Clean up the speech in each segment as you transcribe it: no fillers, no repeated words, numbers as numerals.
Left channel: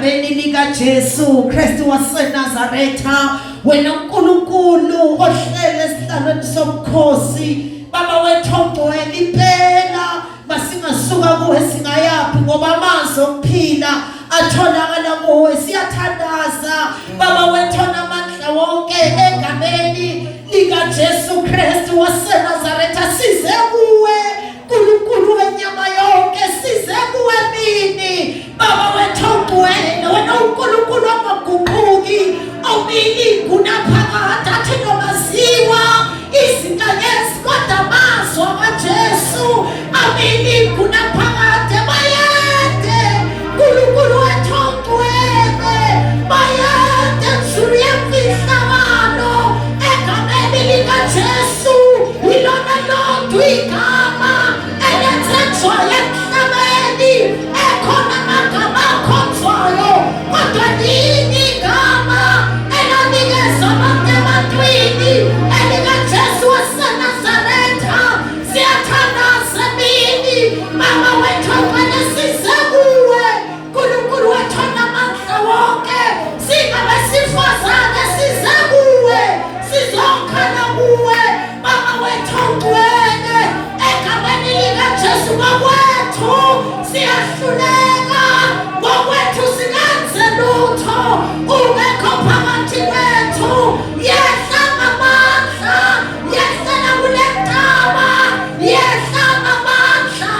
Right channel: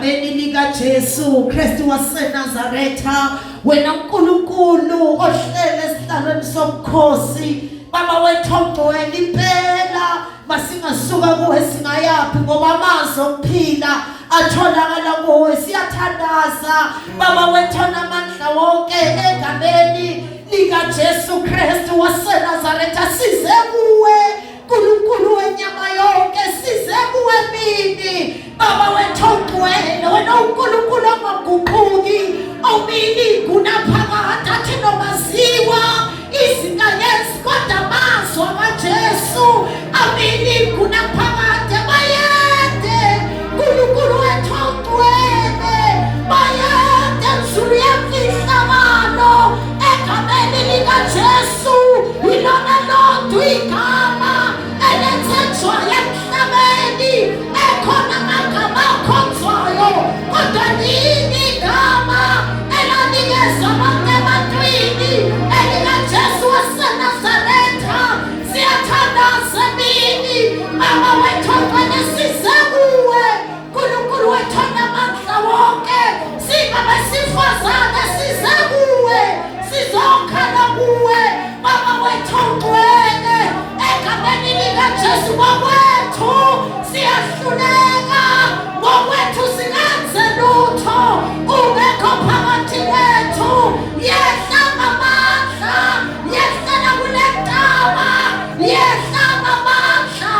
egameni lika Jesu Kristu waseNazaretha wena uNkulunkulu ohlele esihlalweni somkhosi baba wethu ongcwele impela masingasuka kuwe singayapi ngoba amazwi okuphila atholakala kuwe siyathandaza baba wethu namandla wonke egameni lika Jesu Kristu waseNazaretha size kuwe uNkulunkulu wenyama yonke size kuwe mini baba wethu ongcwele wena uNkulunkulu ongaguquki awumili kunaphakade athi nomaziwa izinto kodwa amazwi kaJesu amili kunaphakade bayade uNkulunkulu wethu ongcwele bayade nzulu yemfihlakalo egameni lika Jesu ilona lodwa igama elenzwa emhlabeni ekhona amagama akhonzwayo kodwa linye igama elanikezwa abantu ebantwini elika Jesu waseNazaretha siyathandaza mini mama wethu ongcwele size kuwe uNkulunkulu wethu onamandla wonke singabesifazane size kuwe sizokhala kuwe mama wethu ongcwele egameni lika Jesu ngokwethu siyahluleka ngokwethu singenze lutho ungekho phakathi kwethu yehla ngamandla yehlela kule ntaba yehla ngamandla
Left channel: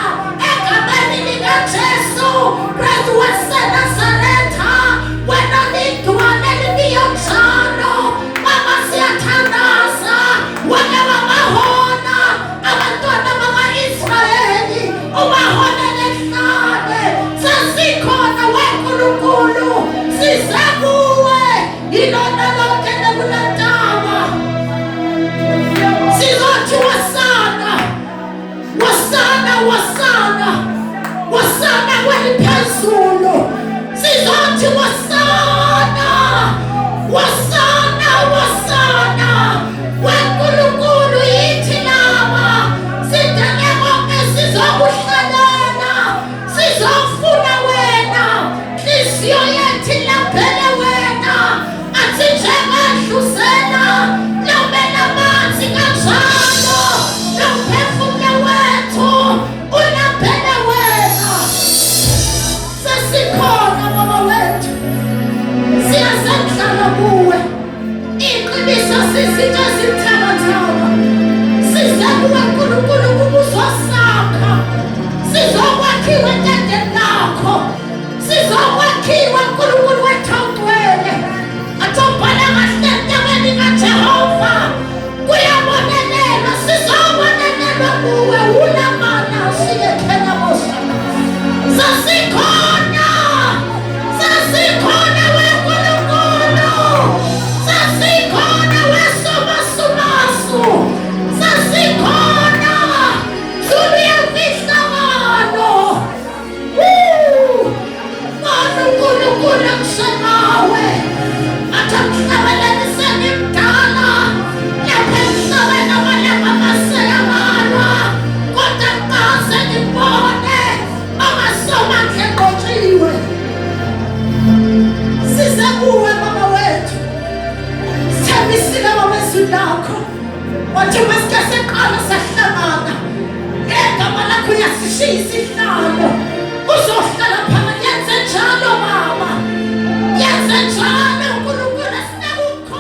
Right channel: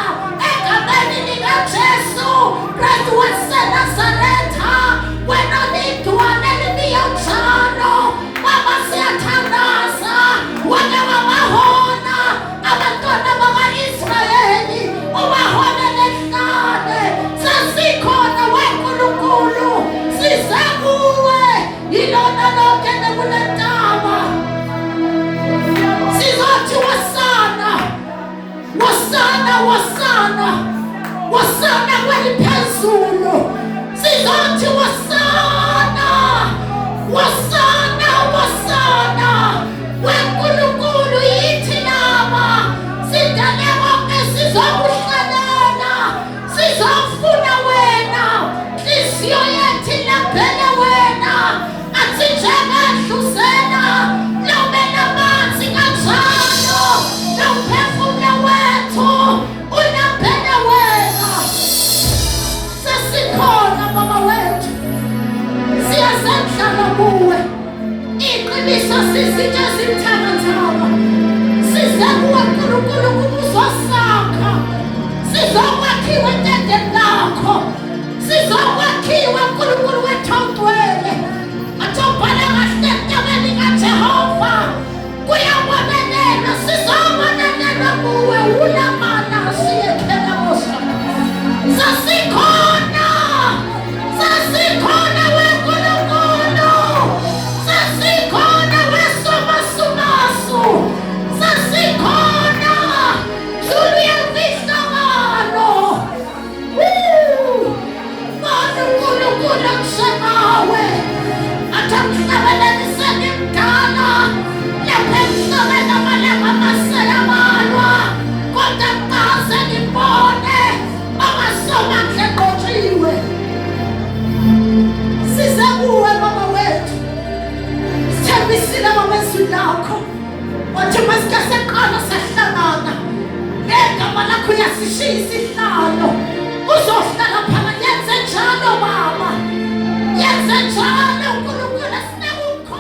egameni lika Jesu Kristu waseNazaretha wena lidwane libiyonjalo baba siyathandaza wena wabahona abantwana baka-Israyeli ubahona nehlane sesikhona weNkulunkulu size kuwe ilona lonke nekule ntaba sizothi wasana wasana wasana wasana kweliphezulu sizothi wasana wasana wasana weNkulunkulu yithi laba sidale konke sizokuhlalela sizofuna wena inhliziyo yethu ilaphele wena athi njengahluzela lomela amanzi kanjalo nomphefumulo wethu ulaphele wena sesikhona baba wethu siyasendlala kuwe iqiniso sizitha zithabathaba size kuwe uNkulunkulu kubuso sakho sizokwakhiwa entendeni lakho sizokwakhiwa uNkulunkulu wethu ongcwele atobhala kahle entabeni kaJehova kuyabonelelwa sizobonelelwa kuwe ulamana siyekhela bosa sasikhona weNkulunkulu sasikhona weSomasumasu sasikhona nzulu yemfihlakalo uNkulunkulu angishemawe athi angihlanganiseni mdala lapha emhlabeni amalanga amaseyabalwa kodwa ngikaze ngibone amasomandla eqotshiwe size kuwe baba wethu sithembisile amazwi lakho wathi masike seqala sahlangana ngegama lakho uyasishiya isihlalo uzohlala phakathi yenze njalo baba yenze njalo uNkulunkulu asinika ukho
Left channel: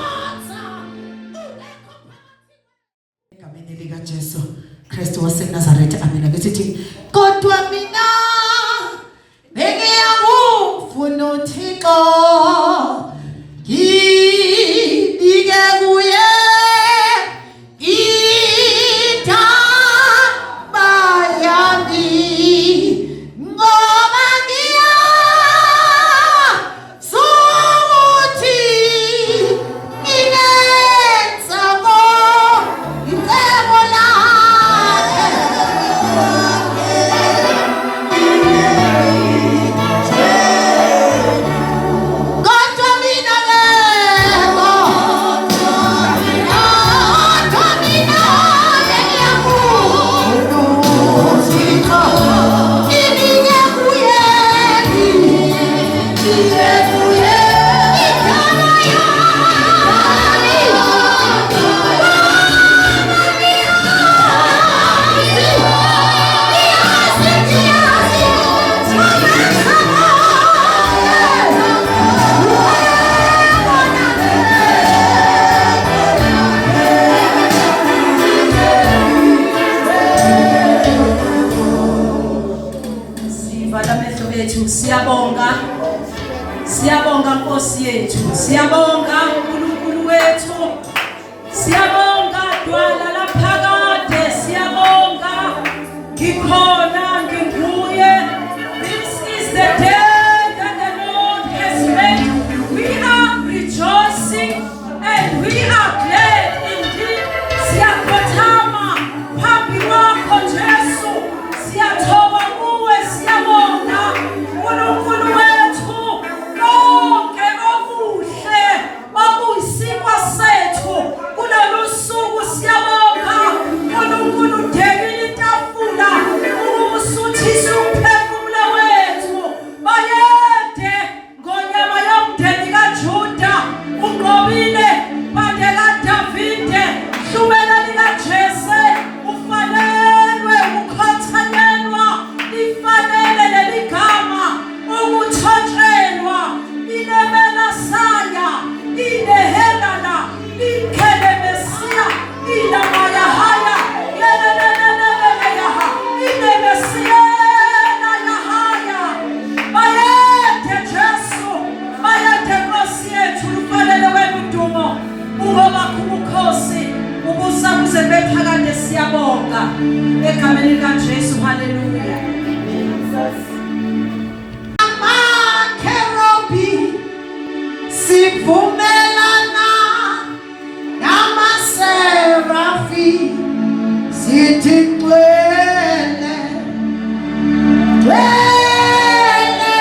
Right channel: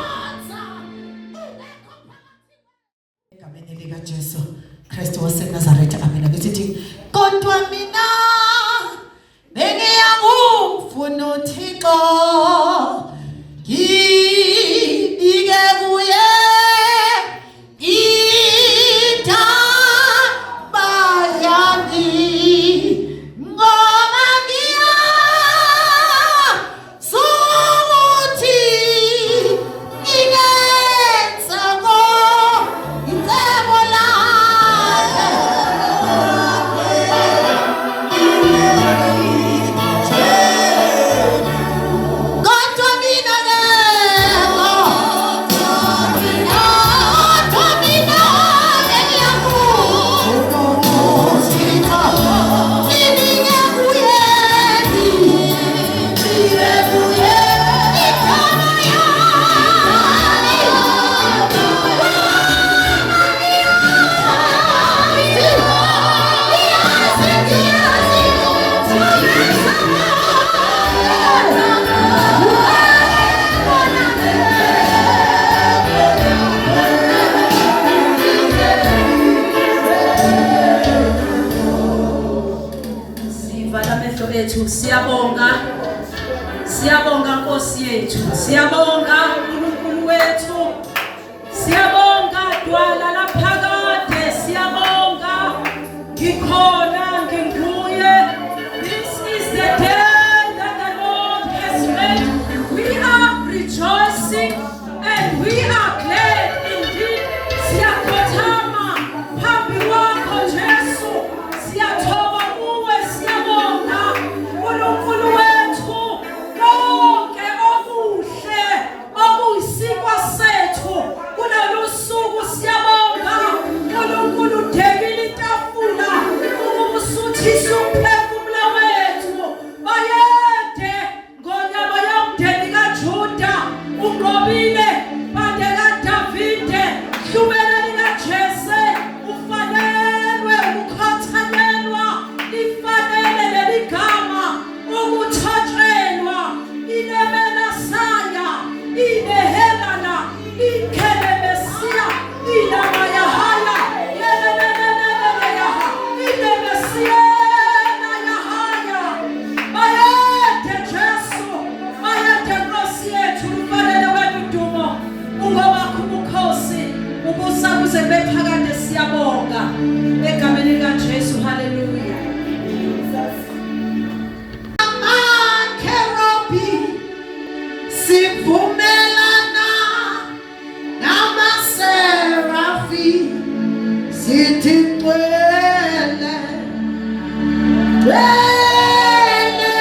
Siyabonga Nkosi yethu, siyabonga uNkulunkulu wethu, siyabonga dwala laphakade, siyabonga ngikhona nginguye. This is the day that the Lord has made. We are rejoicing and we are glad indeed. Siyakhothama phambi kwakho Jesu, siyathoba kuwe, siyabonga uNkulunkulu wethu. Konke okuhle okuyisikwa sethu kulolu suku siyabonga uNkulunkulu udekile itafula ukusuthisa umphefumulo wethu. Bayede ngonyama yomndeni kaJuda unqobile bande kaDavide hlumela likaJese ufanelwe ukukhothalelwa lifanele leli gama ukuthotshelwa inemena saya inehelana ikelemesia inamayahaya yeleleleleleyaha inemesiena yahaya. Bayede Jesu, bayede Nkosi yethu, lufanele wena udumo ungobakho ubukhosi ubusa kuze bephakade. Siyabonga egameni likaJesu. Haleluya. Amakherubi sivumelana namaserafi sithi twele twele,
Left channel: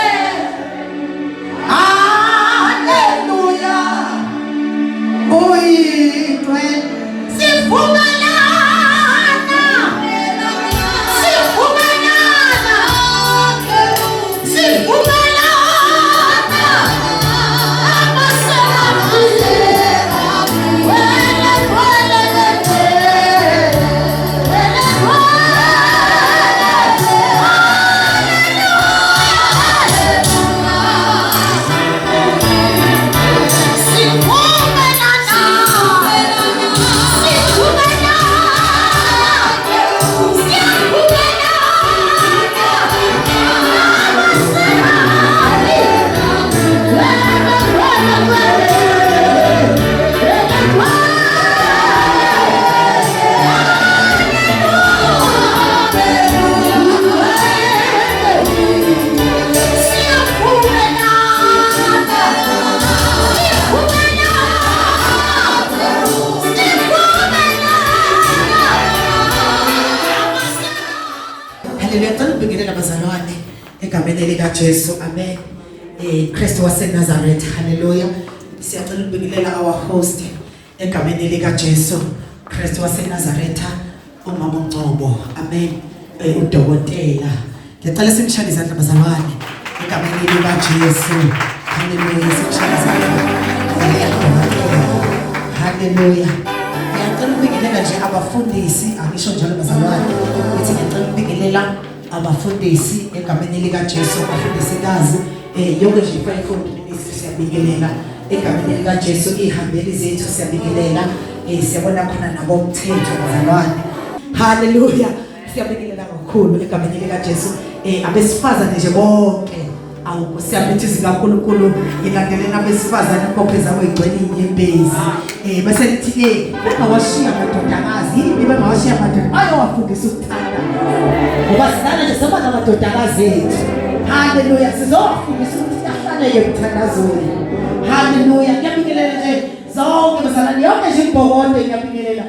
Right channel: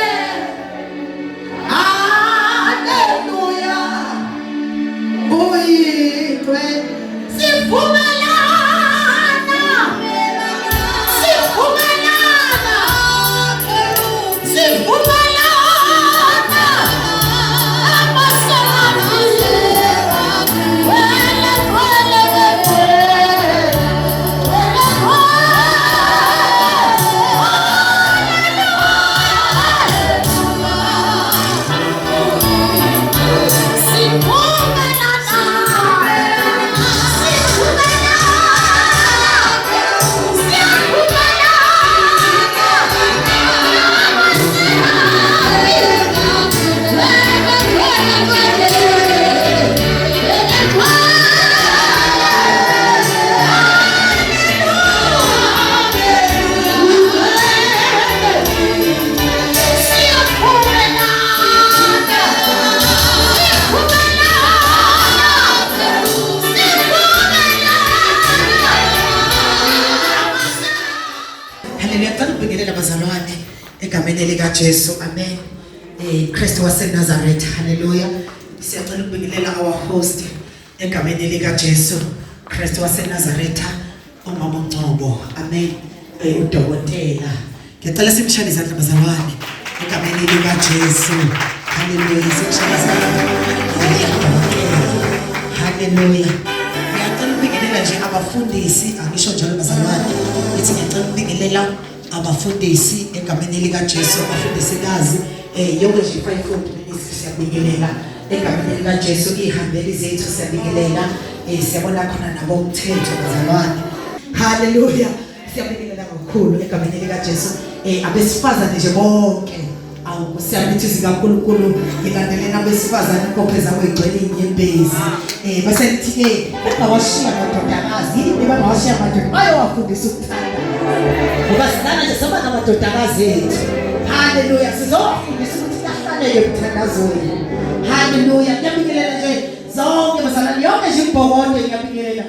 haleluya, uyitwe sivumelana egameni likaJesu. Amen. Kristu waseNazaretha. Haleluya. Siyacela ukubingelela our host egameni likaJesu. Kristu waseNazaretha, uMama uNgcobo. Amen. Udokotela. Ngicela simshayele izandla bazalwane egameni likaJesu. Haleluya. Simshayele izandla. Haleluya. Ngicela ukubingelela nje abafundisi, angisho njalo bazalwane. Ngithi ngicela ukubingelela abafundisi egameni likaJesu, abafundisikazi yonke nje ifayifundi siyabingelela egameni likaJesu. Ihambeli zethu siyabingelela, siyabona khona nabo umthetho bazalwane. Haleluya. Siyabingelela kakhulu egameni likaJesu. Abesifazane nje bonke awusiyabithiza kakhulu ngilandelela abesifazane inkophe zabo igcwele inyembezi. Bese nithi bangawashiya amadodakazi, bangawashiya amadoda ayowafundisa ukuthanda. Ngoba sidala nje soba namadodakazi ethu. Haleluya. Sizofundisa ukuthi ahlale emthandazweni. Haleluya. Ngiyabingelela nje zonke bazalwane, yonke nje ibhokodo ngiyabingelela.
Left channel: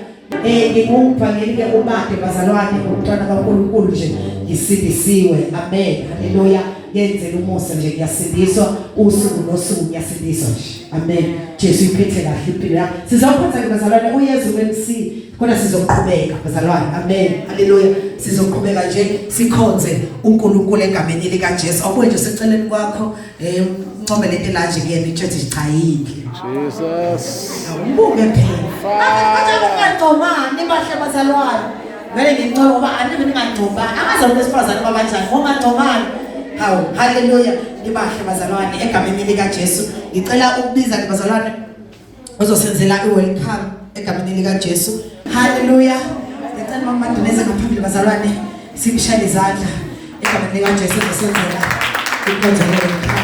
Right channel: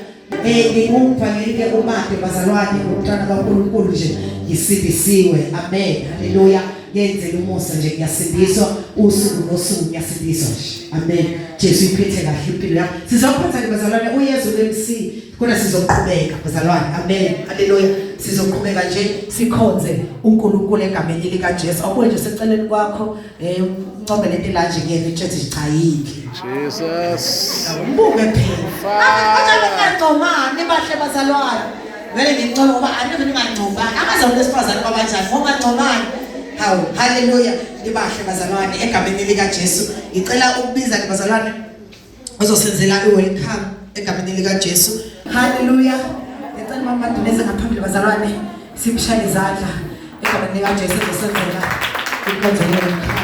Ngingumvangeli umade bazalwane, umntwana kaNkulunkulu nje ngisindisiwe. Amen. Haleluya. Yenzela umusa nje ngiyasindiswa, usuku nosuku ngiyasindiswa nje. Amen. Jesu iphethe kahle impilo yami. Sizophatha bazalwane uYesu MC khona sizoqhubeka bazalwane. Amen. Haleluya. Sizoqhubeka nje sikhonze uNkulunkulu egameni likaJesu. Akwethu seceleni kwakho uncome lento la nje kuyena ithi sichayike. Jesus. Mbuke phela. Ngiyacomana bahle bazalwane. Ngeke ngincome ngoba anike ningancomani. Akaze lesifazane kwabanjani ngoba ncomani. Hawu, haleluya. Libahle bazalwane egameni likaJesu. Ngicela ukubiza bazalwane uzosenzela iwelcome egameni likaJesu. Haleluya. Ngicela mama Madumeze ngaphambili bazalwane simshayele izandla egameni likaJesu uzosenzela ikonzo welcome.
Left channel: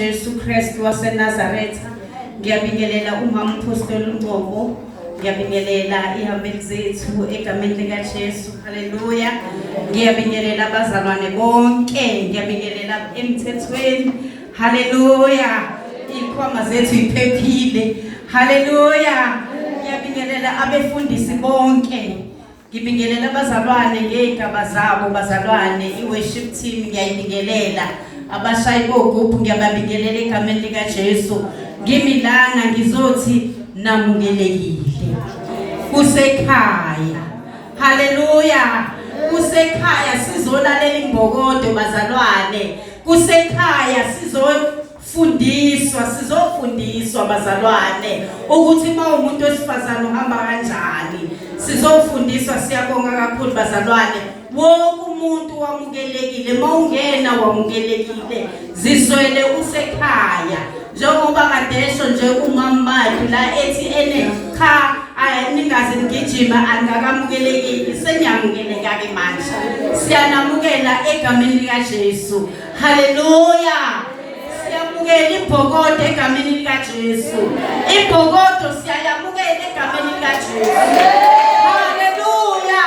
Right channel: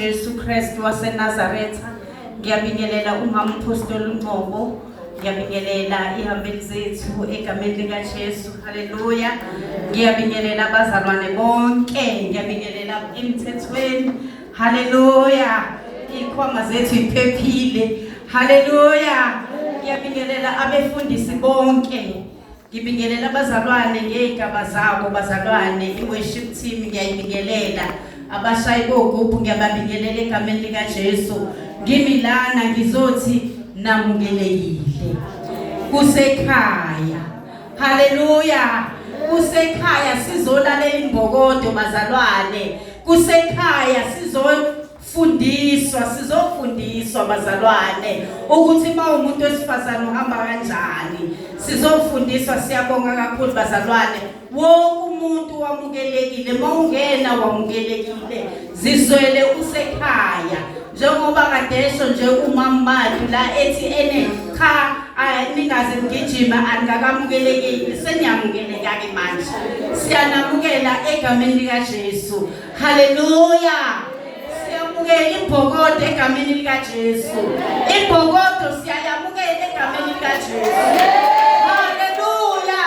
Jesu Kristu waseNazaretha. Ngiyabingelela umama Apostle Ngcobo. Ngiyabingelela ihambeli zethu egameni lika Jesu. Haleluya. Ngiyabingelela abazalwane bonke. Ngiyabingelela emthethweni. Haleluya. Ikhwama zethu iphephile. Haleluya. Ngiyabingelela abefundisi bonke. Ngibingelela abazalwane ngegaba zabo bazalwane iworship team ngiyayibingelela. Abashayi bogubhu ngiyababingelela egameni lika Jesu. Ngimilana ngizothi namukelekile. Kusekhaya. Haleluya. Kusekhaya sizolalela imbokodo bazalwane. Kusekhaya sizofundiswa bazalwane ukuthi umuntu wesifazane uhamba kanjani. Sizofundiswa. Siyabonga kakhulu bazalwane. Wonke umuntu wamukelekile. Mawungena wamukelekile. Zizwele usekhaya. Njengoba kadesho nje umamadu la ethi cha ningaze ngijima angakamukelekile. Senyamukeleka ke manje. Siyanamukela egameni lika Jesu. Haleluya. Siyamukela ibhokodo egameni lika Jesu. Ibhokodo siyayamukela egameni lika Jesu. Haleluya.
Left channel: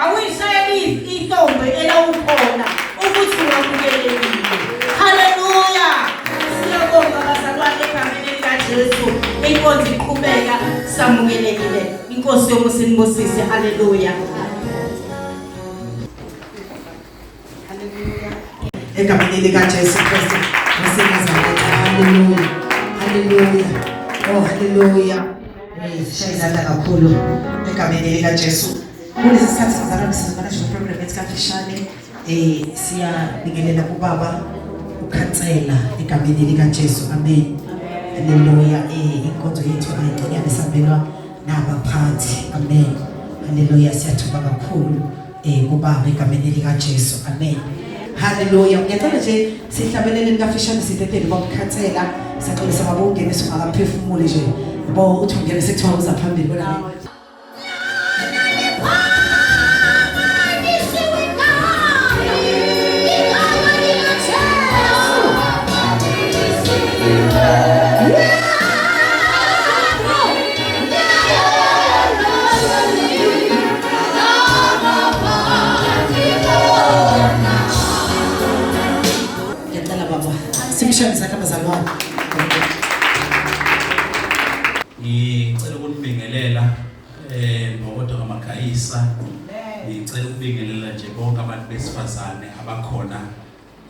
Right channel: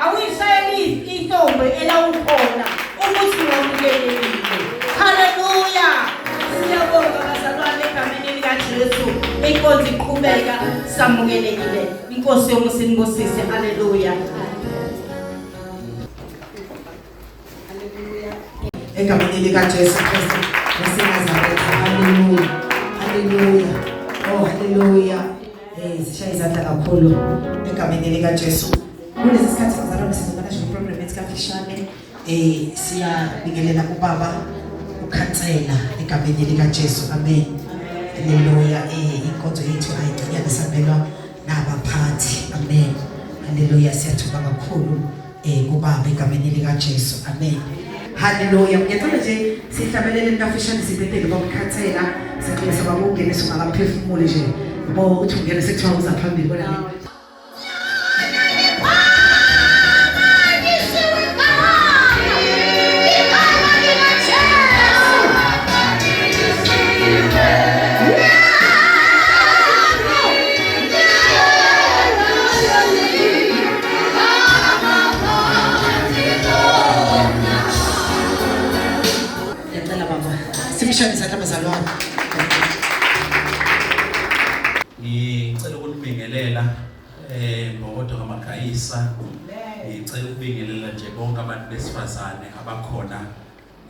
Awuyishayeli intombi elawukhona ukuthi wamukelekile. Haleluya. Siyabonga bazalwane egameni lika Jesu. Inkonzo iqhubeka samukelekile. Inkosi yomusa inibusise. Haleluya. Egameni lika Jesu Kristu waseNazaretha. Haleluya. Haleluya. Oh haleluya. Sishaya izandla kakhulu egameni lika Jesu. Kulesi sikhathi sizalwane sizobana nje program esikafishane. Siyabingelela kubaba ukhansela egameni lika Jesu. Amen. Haleluya. Inkonzo yethu ayigcina besabelwa nabaphathi. Amen. Haleluya. Siyathokoza kakhulu kubaba egameni lika Jesu. Amen. Haleluya. Ngiyacela nje sihlabelele kafishane sibhedele bomkhathela. Sicela sababongene singakaphefumule nje. Bo uthi ungena sekuthiwa uza phambili bona ngicela ukunibingelela ngokodwa kaMagayisa. Ngicela ukubingelela nje bonke abantu besifazane abakhona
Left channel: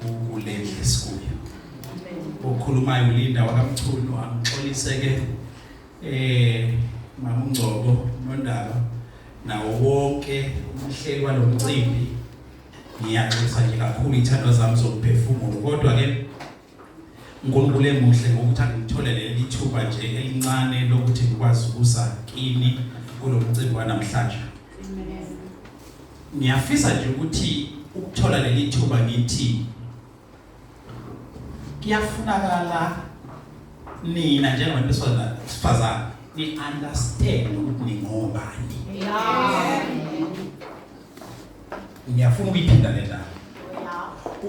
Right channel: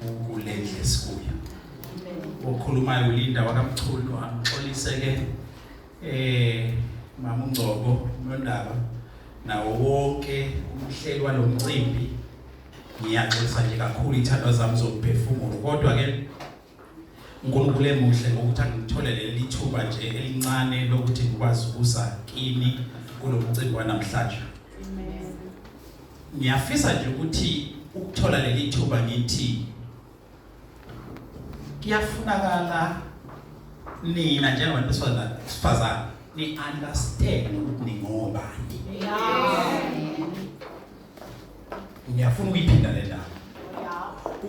kuleli lesikuyo. Okhulumayo uLinda wakamchunu angixolise ke Mama uNgcobo noNdaba nawo wonke umhleli walomcimbi. Ngiyaxolisa nje kakhulu ithandwa zami zokuphefumula, kodwa ke uNkulunkulu emuhle ngokuthi angithole leli thuba nje elincane lokuthi ngikwazi ukuza kini kulomcimbi wanamhlanje. Ngiyafisa nje ukuthi ukuthola leli thuba ngithi kuyafunakala nina njengabantu besifazane ni understand ukuthi ningobani. Ngiyafuna ukuyiphinda le ndaba.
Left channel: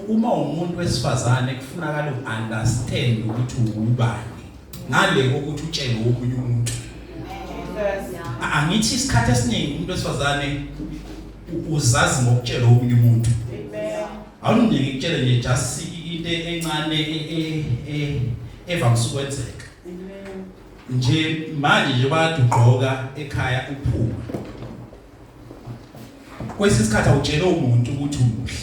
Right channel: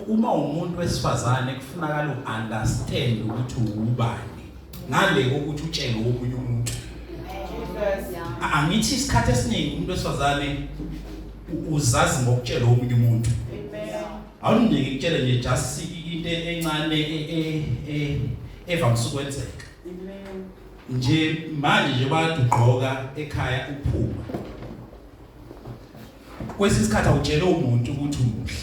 Uma umuntu wesifazane kufunakala uunderstand ukuthi ungubani ngale ukuthi utshele omunye umuntu. Angithi isikhathi esiningi umuntu wesifazane uzazi ngokutshela omunye umuntu. Awunike ngikutshele nje just into encane evamise ukwenzeka. Nje manje nje bayadugqoka ekhaya uphuma. Kwesisikhathi awutshela umuntu ukuthi umuhle.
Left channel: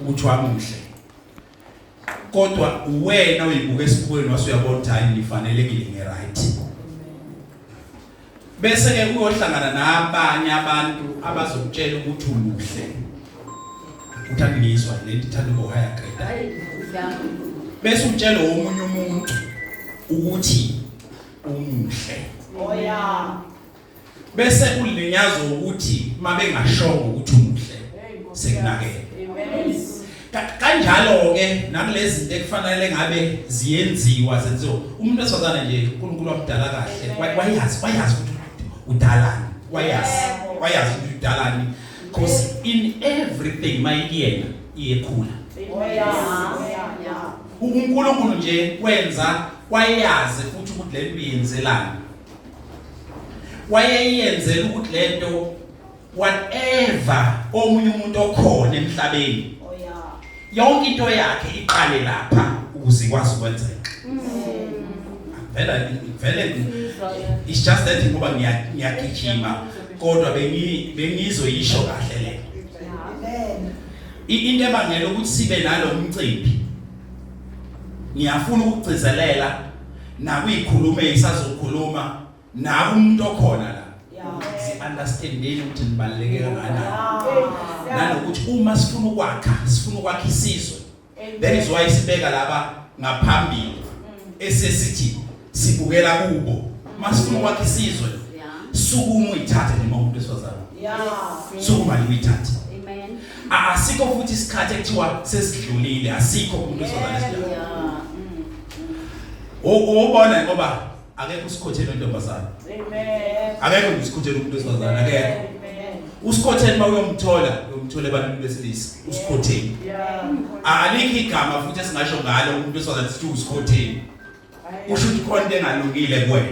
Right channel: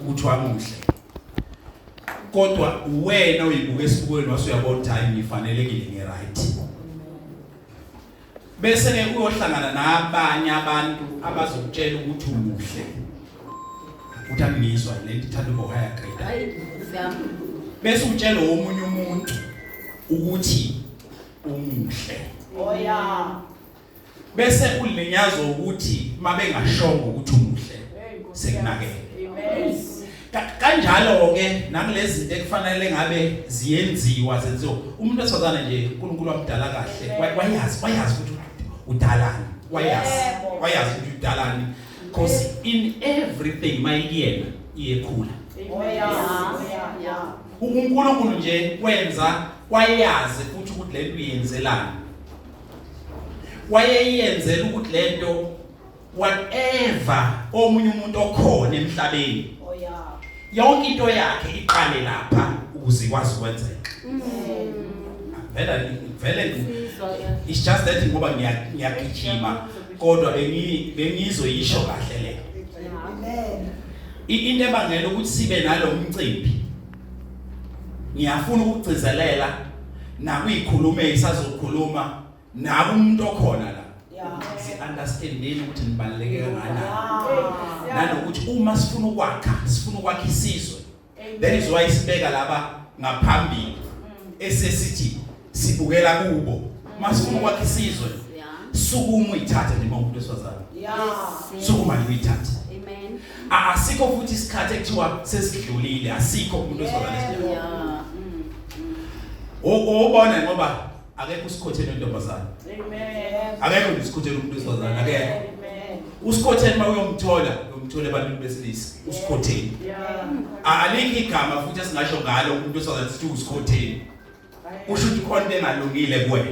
Ukuthi wamuhle. Kodwa wena uyibuka esibukweni wasuyabona ukuthi hayi ngifanelekile ngeright. Bese ke uyohlangana nabanye abantu abazokutshela ukuthi umuhle. Uthangizwa lento ithanda ukuhaya grade. Bese utshela omunye umuntu ukuthi umuhle. Bese ulinyazo ukuthi mabengashoka ukuthi umuhle sekunakele. Kanjalo ke nakulezi zinto ekufanele ngabe ziyenziwa zenziwa. Umuntu wesifazane nje uNkulunkulu wamdala kahle. Wayazi ukuthi udalani. Wayazi ukuthi udalani. Because in everything mayiyena iyekhula. uNkulunkulu nje wenza wayazi futhi ukuthi lento uyenzelani. Wayeyenzela ukuthi lento whatever omunye umuntu okhona emhlabeni yonke into yakhe iqale lapha ukuze ikwazi ukwenzeka. Vele it's just that ngoba ngiyagijima kodwa bengizoyisho kahle le. Into ebangela ukuthi sibe nalomcimbi ngiyafuna ukugcizelela nakuyikhuluma ezisazokhuluma naku umuntu okhona la. Si-understandeni ukuthi nibaluleke kangakanani. Nanokuthi uma sifuna ukwakha isizwe. That is why sibeka laba ngaphambili esesithi sibukela kubo. Masifuna ukwakha isizwe. Sukuma uyithathe noma umuntu wesifazane. Sukuma uyithathe. Amen. Asikho futhi isikhathi ekuthiwa sesidlulile, asikho umuntu wesifazane esidlulile. Ubona ngoba akekho usikhothela intombazana. Amen. Akekho usikhothela umuntu wesifazane, akekho. Amen. Usikhothela uma uyomthola abantu besilisa, usikhothela. Alikho igama futhi esingasho ngalo umuntu wesifazane sithi usikhothela. Usho ukuthi khona into engalungile kuwena.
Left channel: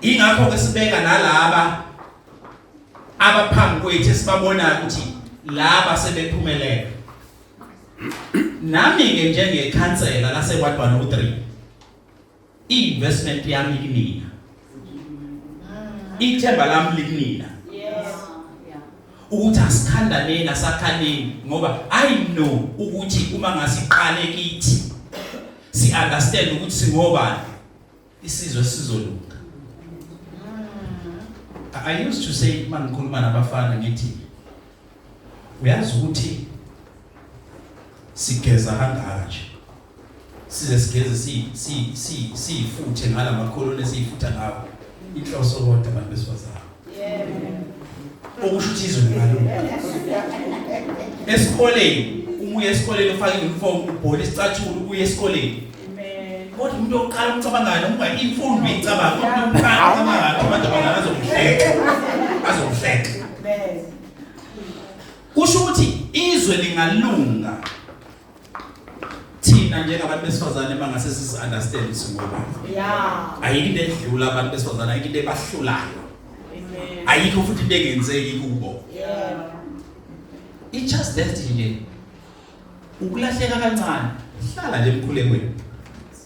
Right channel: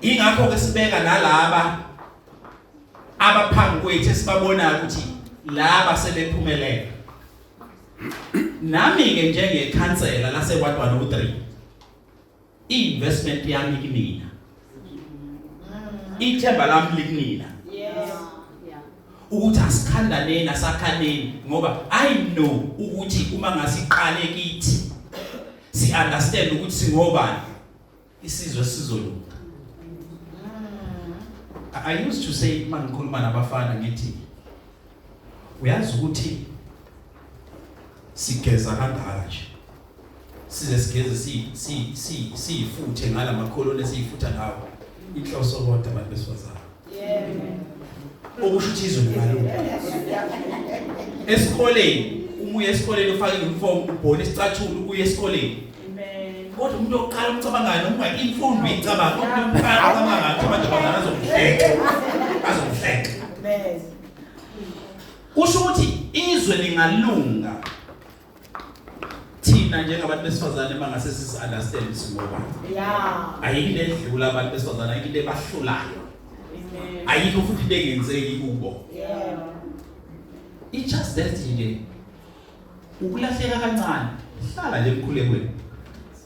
Ingakho ke sibeka nalaba abaphambi kwethu esibabona ukuthi laba sebephumelele. Nami ke njengekhansela laseKwadwana u3 investment yami kinina. Ithemba lami likunina. Ukuthi asikhandaneni nasakhaneni ngoba I know ukuthi uma ngasiqale kithi si understand ukuthi singobani isizwe sizolunga. I used to say mangikhuluma nabafana ngithi uyazi ukuthi sigeza kangaka nje size sigeze sifuthe ngala makholoni esifutha ngawo inhloso kodwa abantu besifazana. Okusho ukuthi izwe ngalunga. Esikoleni umuye esikoleni ufake uniform ubhole isicathulo uye esikoleni. Kodwa umuntu oqala ukucabangana uma imfundo icabanga umuntu uqala ukuthi abantu abangazohleka. Kusho ukuthi izwe lingalunga thina njengabantu besifazane mangase sisi understand singoba. Ayikho into edlula abantu besifazane, ayikho into ebahlulayo. Ayikho futhi into engenzeki kubo. It's just that nje ukulahleka kancane hlala nje emkhulekweni.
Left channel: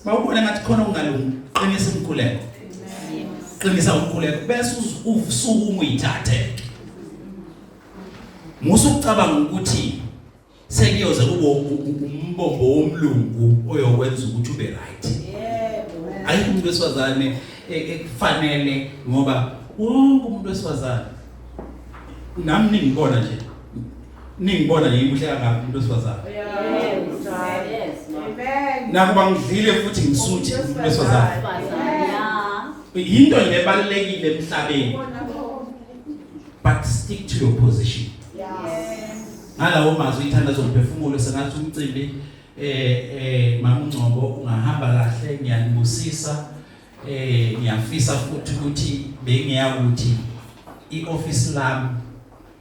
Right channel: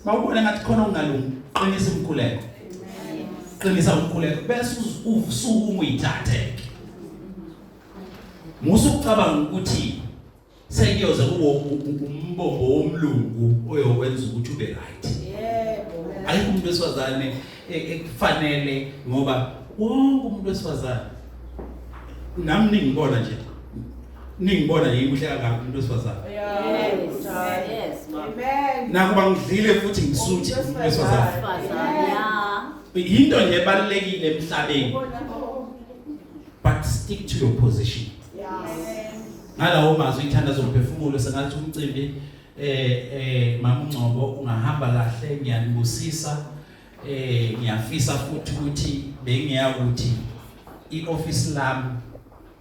Bawubona ngathi khona ungalungi qinisa umkhuleko. Qinisa umkhuleko bese usuku uyithathe. Musucabanga ukuthi sekuyoza kubo umbombo womlungu oyokwenza ukuthi ube right. Ayikho umuntu wesifazane ekufanele ngoba wonke umuntu wesifazane nami ningibona nje kuhle kangaka umuntu wesifazane. Yes. Amen. Nakuba ngidlile futhi ngisuthi umuntu wesifazane. Into ebalekile emhlabeni. But stick to your position. Ngalawo mazwi ithandazo lophefumulo sengathi umcimbi mama uNgcobo ungahamba kahle ngiyanibusisa ngiyafisa futhi ukuthi bengiyakuthi ioffice lami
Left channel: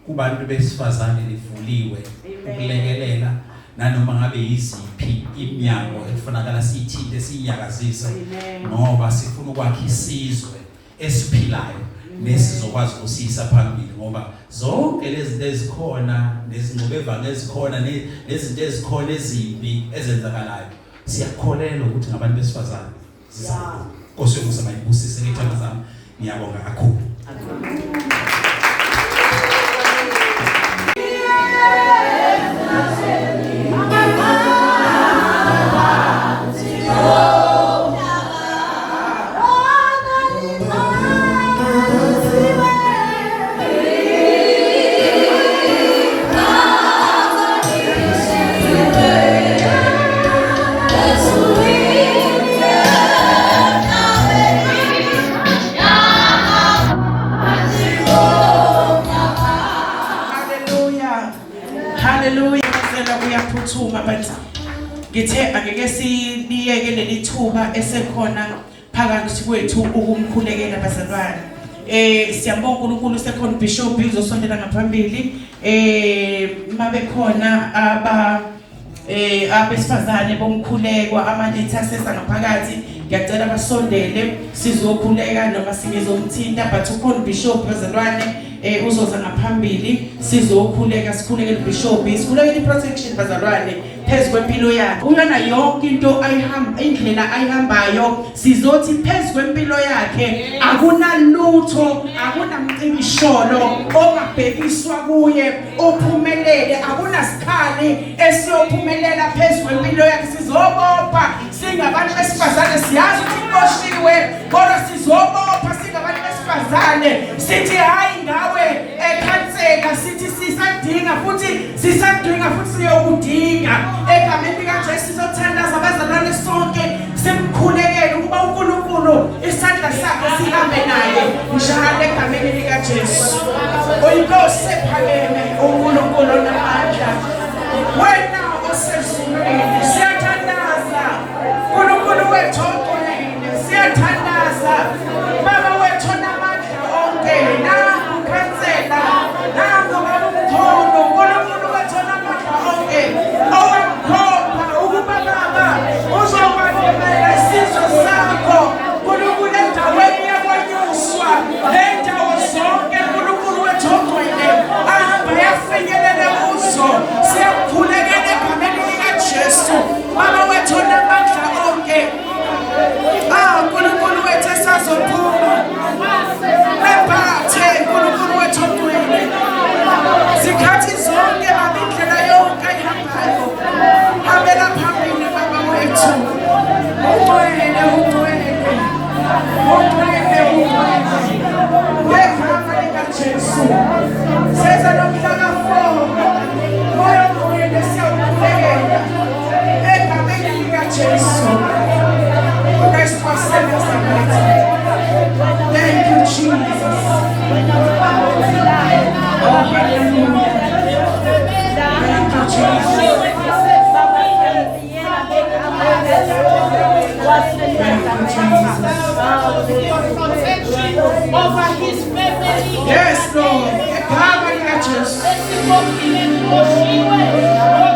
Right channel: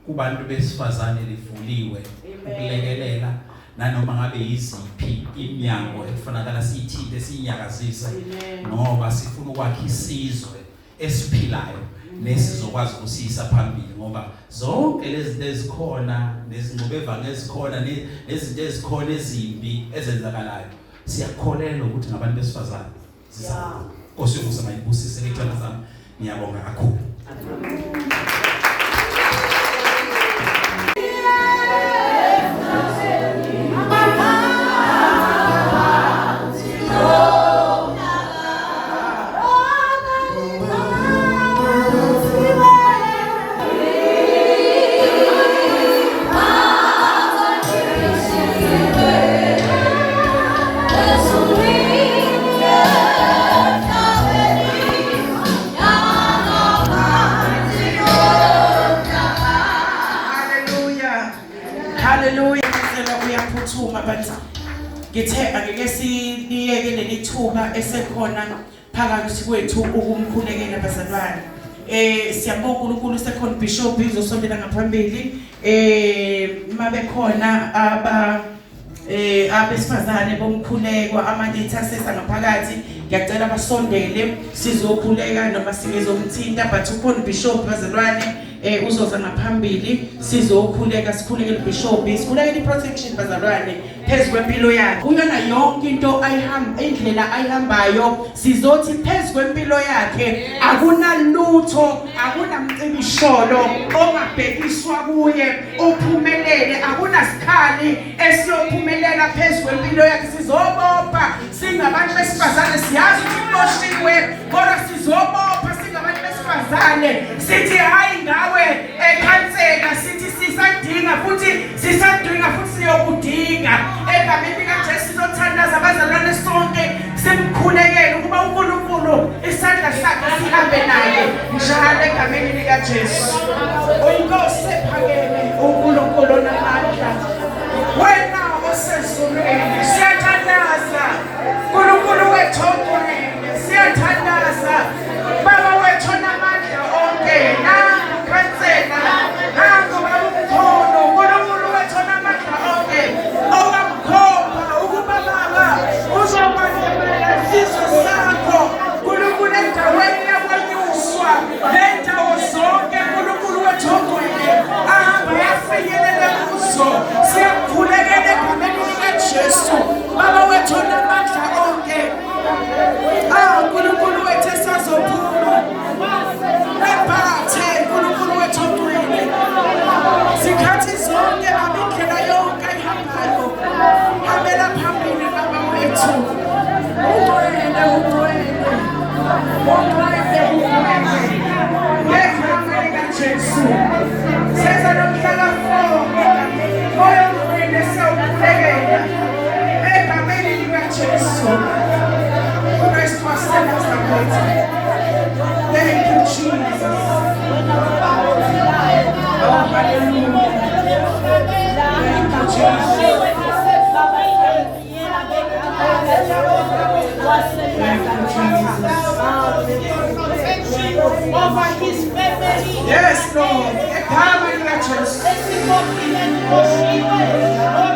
kubantu besifazane livuliwe ukulekelela nanoma ngabe yiziphi iminyango ekufanele siyithinte siyakazisa ngoba sifuna ukwakha isizwe esiphilayo nesizokwazi ukusisa phambili ngoba zonke lezi zinto ezikhona nezingqobevanga ezikhona nezinto ezikhona ezimbi ezenzakalayo siyakholelwa ukuthi ngabantu besifazane sizakho. Nkosi yokuzama ibusise ngethanda zami ngiyabonga kakhulu. Ngithemba ngeke siniyeke lelithuba esekhona phakathi kwethu ukumkhulekela abazalwane. Siyabonga uNkulunkulu sekhona Bishop uzosondela ngaphambili mabekhona abesifazane bomkhulekwa ama-intercessor ngaphakathi ngiyacela basondele sizokhuleka noma singezomthinta but ukhona ubishop bazalwane uzoza ngaphambili sizokhuleka sikhulekele ubishop sikhulekele i-protection bazalwane phezu kwempilo yakhe uyona yonke into indlela ayihambayo sizothi phezu kwempilo yakhe akunalutho akunamcibisholo ongabhekiswa kuye uphumelele akunasikhali esiyophumelela phezu kwempilo yakhe sizobopha singabantu besifazane siyazi ukuthi iqoshiwe kodwa sizobopha singabantu besifazane sithi hayi ngawe ekhansela sithi sisadinga futhi siyokudinga egameni likaJesu sizothandaza abazalwane sonke simkhulekele ukuba uNkulunkulu isandla sakhe sihambe naye njalo egameni likaJesu uyinkosi ephakeme uNkulunkulu namandla wena osezulwini siyathandaza uNkulunkulu wethu onke siyathandaza baba wethu namandla onke nangu khansela nangu babukhono uNkulunkulu wethu namandla onke owamkhomba ukuba baba uzokwamukela isizwe sakho uNkulunkulu endaweni yakwanyuswa nendawo zonke uNkulunkulu wethu ongcwele ahamba yafinyelela kuzo siyamkhulekela egameni likaJesu baba wethu namandla onke uNkulunkulu wethu esazophuma wephathe uNkulunkulu wethu ongcwele zikhathi zonke ngindlela yonke ayihambayo hambela phambili baba wethu ungcwele ngegama likaJesu senza nomhlaka 4 moya ongcwele siyawukhulekela egameni likaJesu Christ was sent us thank you Jesus oh hallelujah thank you Jesus over his family. yes Lord egameni likaJesu Let's go